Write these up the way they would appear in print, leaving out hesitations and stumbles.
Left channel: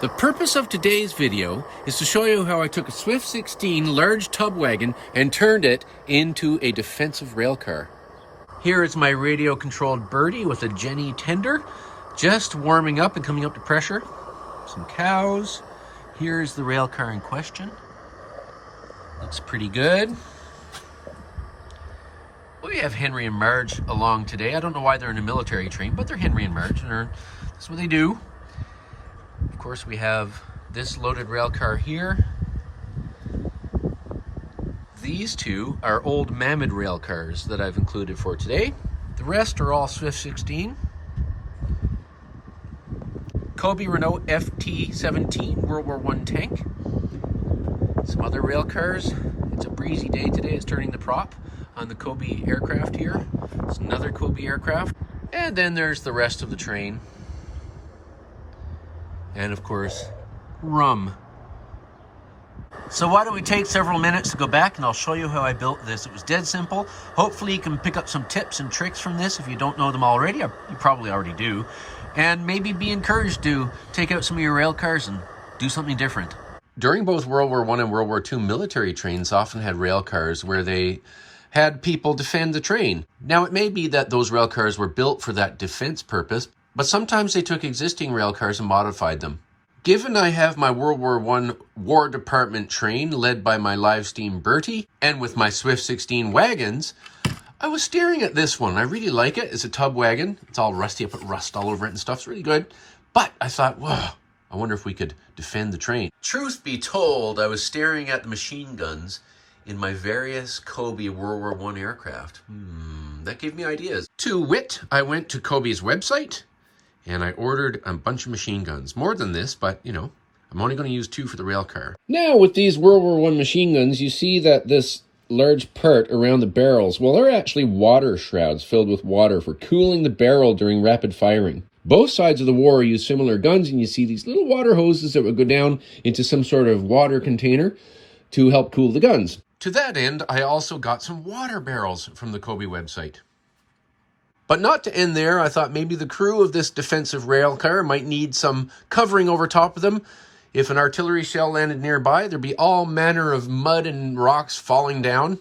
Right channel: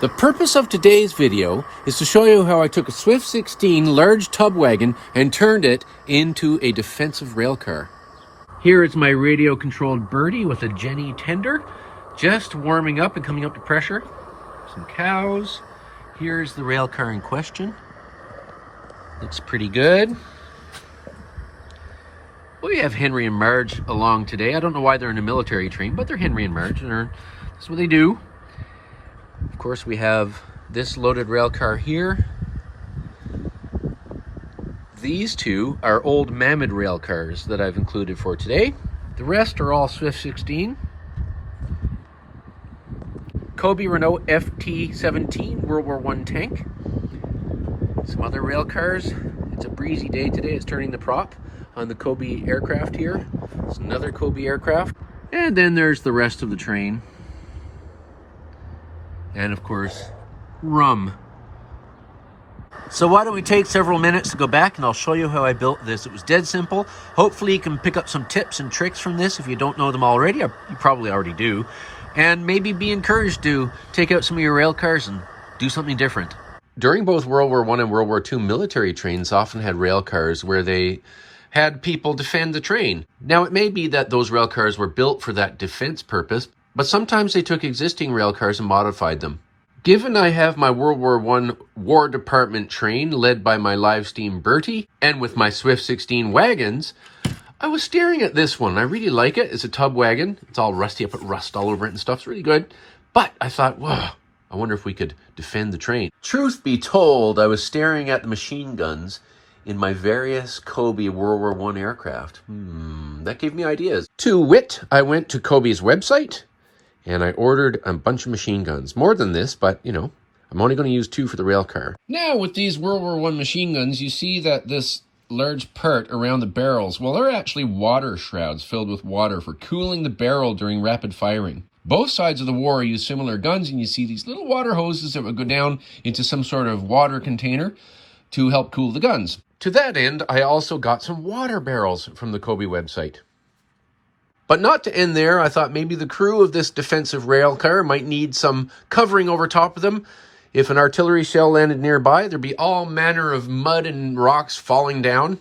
The purpose of today's video is to show you how I took a Swift 16 large tub wagon and turned it into a defensive rail car. Here is my radio controlled Bertie with a Jenny tender, just warming up and coming up to pressure. Some cows. Here's the rail car in question. Looks pretty good. We have Henry and Marge along today. I don't know why they're in a military train, but they're Henry and Marge, and that's what they do. Of course, we have this loaded rail car here. These two are old Mammoth rail cars that I've included for today. The rest are all Swift 16. Kobe Renault FT-17 World War I tank. Some other rail cars. It's a breezy day today. It's turning the prop on the Kobe aircraft here. It's another Kobe aircraft. And then there's the rest of the train. And of course, rum. So why don't we take several minutes to go back and I'll show you how I built this. It was dead simple. Hopefully you can pick up some tips and tricks from this if you don't know them already. You probably already do. And maybe be encouraged to take out some of your rail cars and do something different. During both World War I and World War II, military trains often had rail cars where they had people defend the train. Now it may be that those rail cars were built for that defense purpose, but sometimes they took existing rail cars and modified them. Given I have my World War I War Department train led by my Livesteam Bertie and with my Swift 16 wagons, I was staring at this one. I really like it. It's a tub wagon. It's all rusty. I put rust all over it and stuff. It's really good. But I thought, whoa, I wonder if we could defend the train. Truth be told, I was staring at the machine guns in my various Kobe World War I aircraft. That gave me ideas. To wit, I went to Kobe's website and I ordered a bunch of machine guns. More than this, but you know, I'm only going to use 2 for the rail car. Now with these World War I machine guns, you see that this large part around the barrels, well, they're actually water shrouds filled with water for cooling the barrel during rapid firing. Both sides of the war use similar guns, and you see these little water hoses that would go down into some sort of water container to help cool the guns. To that end, I also got some water barrels from the Kobe website. But not to end there, I thought maybe the crew of this defensive rail car might need some covering over top of them. If an artillery shell landed nearby, there'd be all manner of mud and rocks falling down.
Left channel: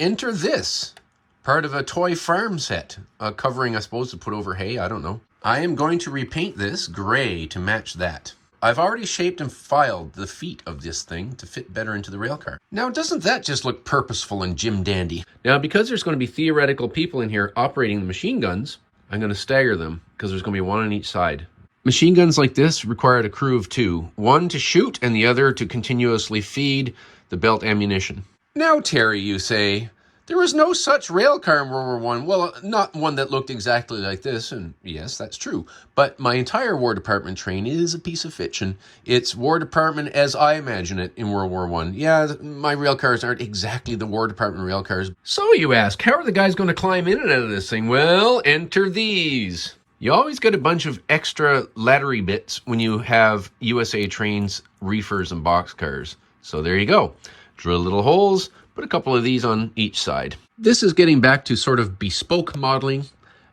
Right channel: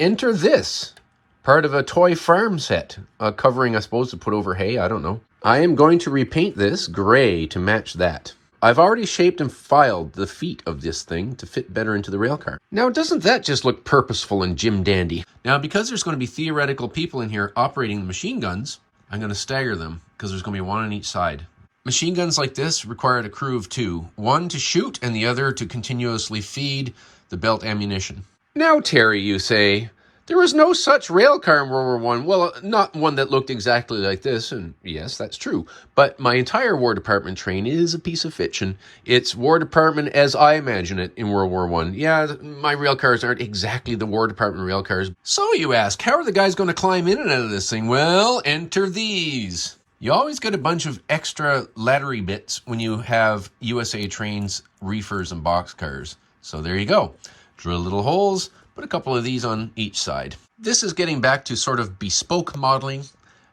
Enter this, part of a toy farm set. A covering, I suppose, to put over hay, I don't know. I am going to repaint this gray to match that. I've already shaped and filed the feet of this thing to fit better into the rail car. Now, doesn't that just look purposeful and Jim Dandy? Now, because there's going to be theoretical people in here operating the machine guns, I'm going to stagger them because there's going to be one on each side. Machine guns like this required a crew of 2. One to shoot and the other to continuously feed the belt ammunition. Now, Terry, you say, there was no such rail car in World War I. Well, not one that looked exactly like this, and yes, that's true. But my entire War Department train is a piece of fiction. It's War Department as I imagine it in World War I. Yeah, my rail cars aren't exactly the War Department rail cars. So you ask, how are the guys going to climb in and out of this thing? Well, enter these. You always get a bunch of extra laddery bits when you have USA trains, reefers, and boxcars. So there you go. Drill little holes. Put a couple of these on each side. This is getting back to sort of bespoke modeling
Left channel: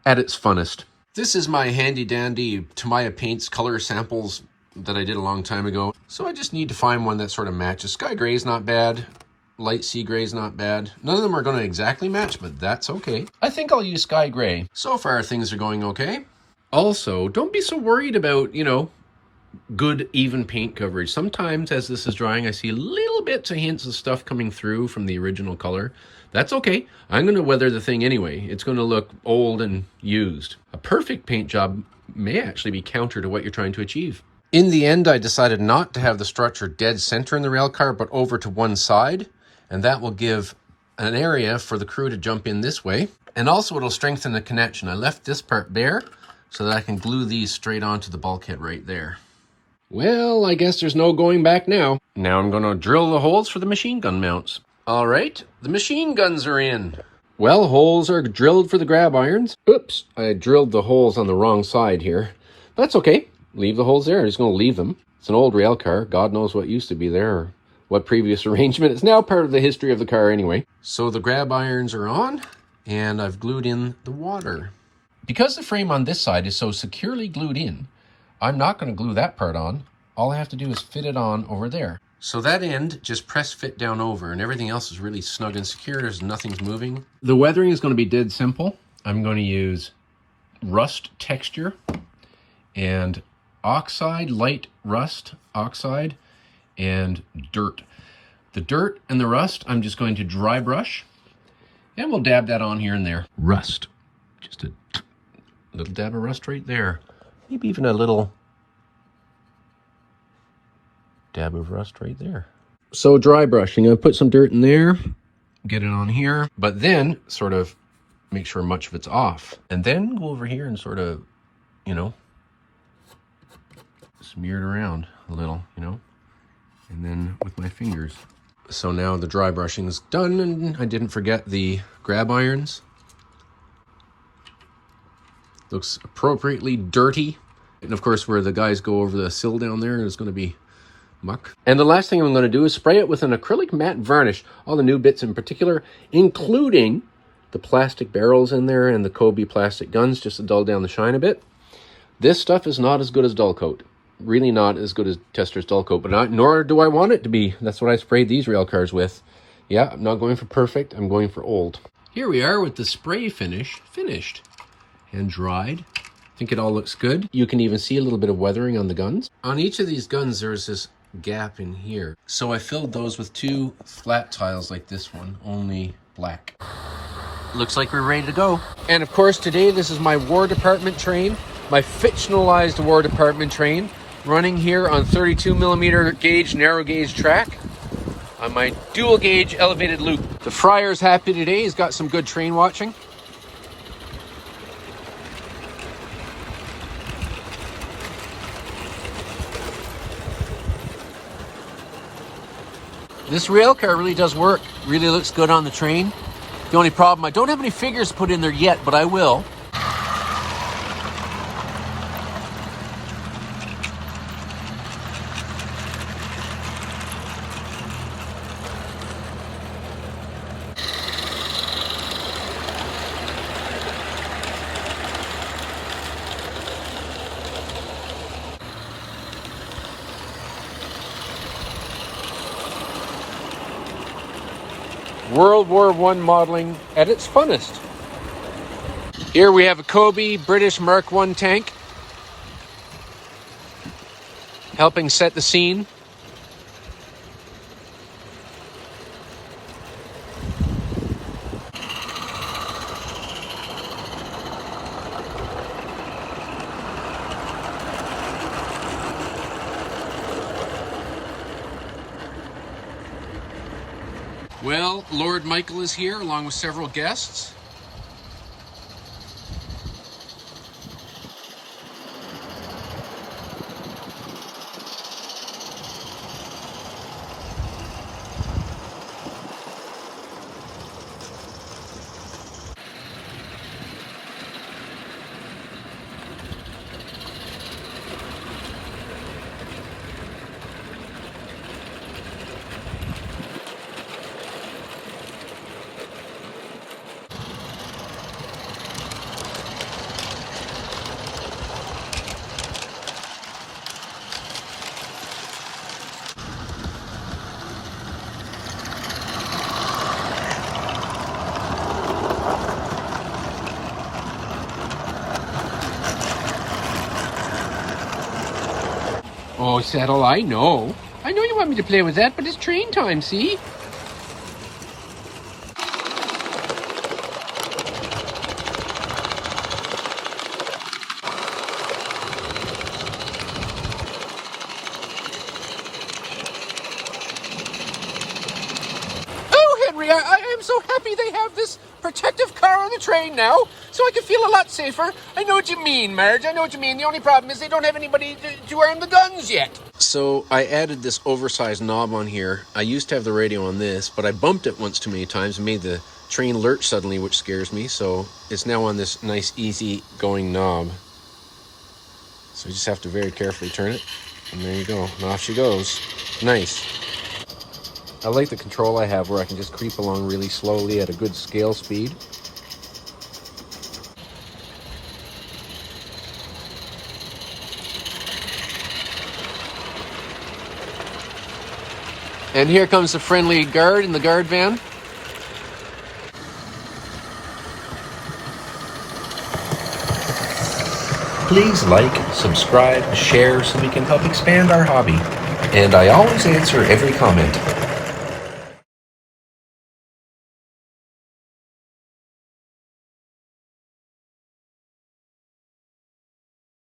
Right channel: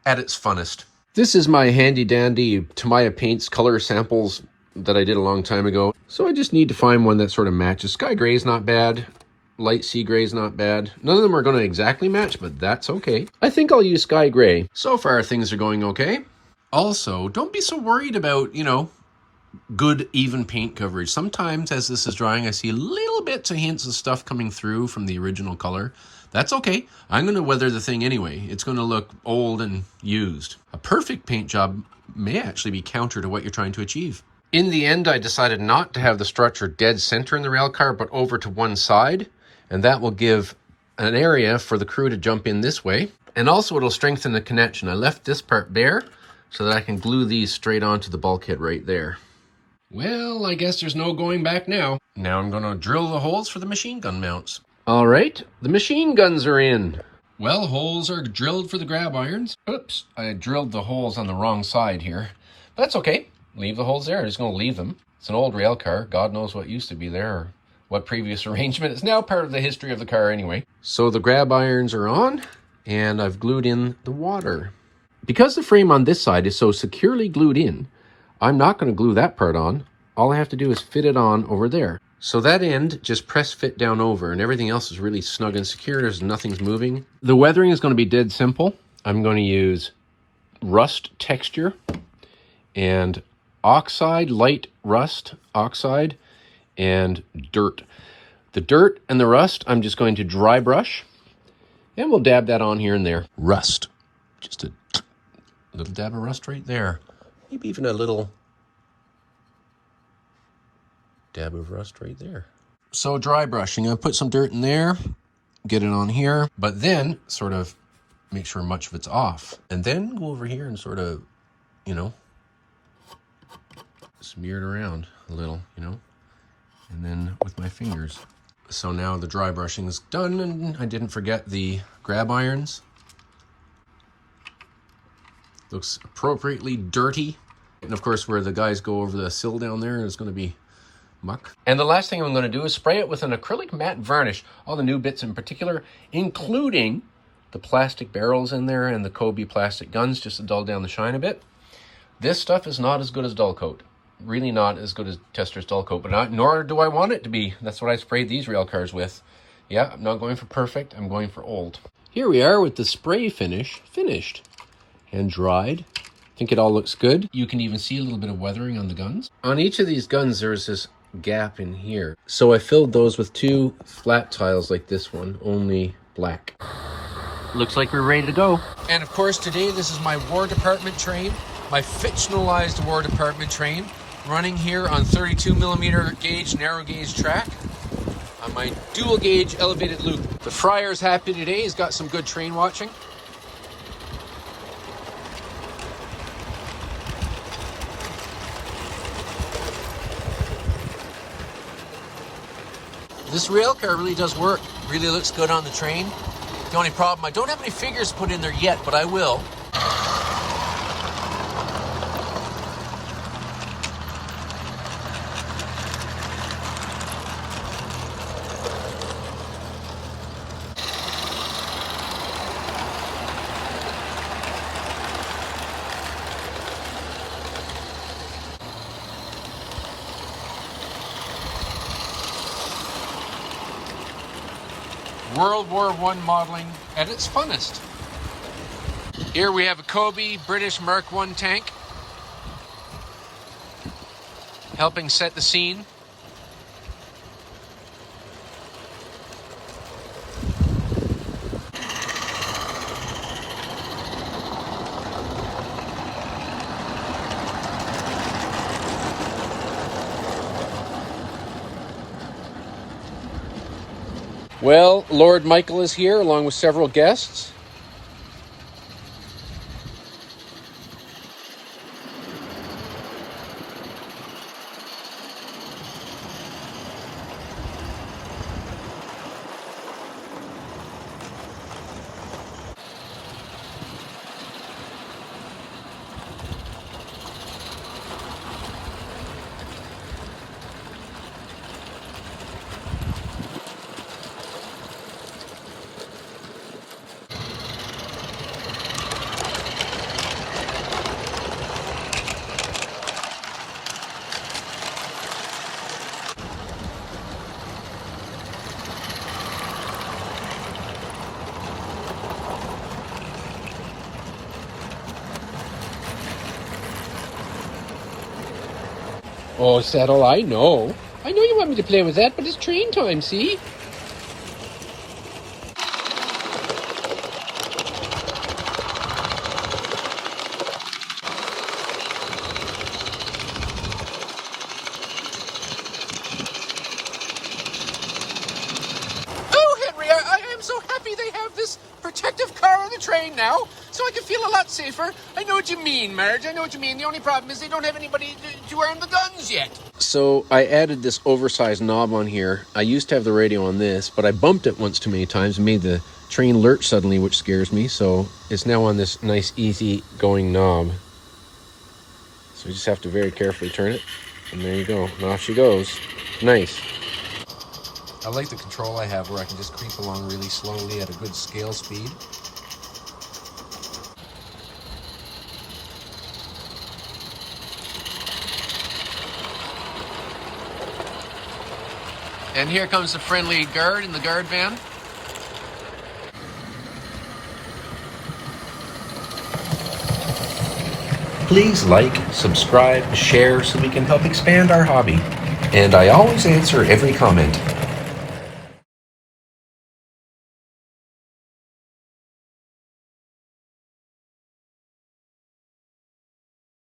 at its funnest. This is my handy dandy Tamiya Paints color samples that I did a long time ago. So I just need to find one that sort of matches. Sky gray is not bad. Light sea gray is not bad. None of them are going to exactly match, but that's okay. I think I'll use sky gray. So far things are going okay. Also, don't be so worried about, you know, good even paint coverage. Sometimes as this is drying, I see little bits of hints of stuff coming through from the original color. That's okay. I'm going to weather the thing anyway. It's going to look old and used. A perfect paint job may actually be counter to what you're trying to achieve. In the end, I decided not to have the structure dead center in the rail car, but over to one side. And that will give an area for the crew to jump in this way. And also it'll strengthen the connection. I left this part there so that I can glue these straight onto the bulkhead right there. Well, I guess there's no going back now. Now I'm going to drill the holes for the machine gun mounts. All right, the machine guns are in. Well, holes are drilled for the grab irons. Oops, I drilled the holes on the wrong side here. That's okay. Leave the holes there. I'm just going to leave them. It's an old rail car. God knows what used to be there or what previous arrangement. It's now part of the history of the car anyway. So the grab irons are on, and I've glued in the water. Because the frame on this side is so securely glued in, I'm not going to glue that part on. All I have to do is fit it on over there. So that end, just press fit down over, and everything else is really snug and secure. There's nothing's moving. The weathering is going to be dead simple. I'm going to use rust texture and oxide, light rust oxide, and dirt. The dirt and the rust, I'm just going to dry brush, and we'll dab that on here and there. Rust. Just a little dab of rust right there. Maybe even a little dab of rust right there. So dry brushing, I put some dirt in there, get it on here, but then sort of make sure much of it's off. And then go over here and sort of, you know, smear it around a little, you know, and then with my fingers. So now the dry brushing is done, and I didn't forget the grab irons. Looks appropriately dirty. And of course, where the guys go over the sill down there is going to be muck. And the last thing I'm going to do is spray it with an acrylic matte varnish. All the new bits in particular, including the plastic barrels in there and the Kobe plastic guns, just to dull down the shine a bit. This stuff is not as good as dull coat. Really not as good as Tester's dull coat, but nor do I want it to be. That's what I sprayed these rail cars with. Yeah, I'm not going for perfect, I'm going for old. Here we are with the spray finish finished and dried. I think it all looks good. You can even see a little bit of weathering on the guns. On each of these guns, there's this gap in here. So I filled those with 2 flat tiles like this one, only black. Looks like we're ready to go. And of course, today this is my War Department train, my fictionalized War Department train, running here on 32mm gauge, narrow gauge track on my dual gauge elevated loop. The Friar's happy today. He's got some good train watching. This rail car really does work. Really looks good on the train. The only problem, I don't have any figures put in there yet, but I will. World War I modeling at its funnest. Here we have a Kobe British Mark I tank helping set the scene. Well, Lord Michael is here along with several guests. Oh, Settle, I know. I know you want me to play with that, but it's train time, see? Oh, Henry, I'm so happy they have this protective car on the train now, so I can feel a lot safer. I know what you mean, Marge. I know what you mean. The only problem is they don't have anybody to wear the guns yet. So I added this oversized knob on here. I used to have the radio on this, but I bumped it once too many times and made the train lurch suddenly, which scares me. So it's now on this nice, easy going knob. So you just have to very carefully turn it. And there you go. And off she goes. Nice. I like the control I have where I can just creep along really slowly at a good scale speed. And here comes the friendly guard in the guard van. Please like, subscribe, share so we can help expand our hobby. And I always answer every comment.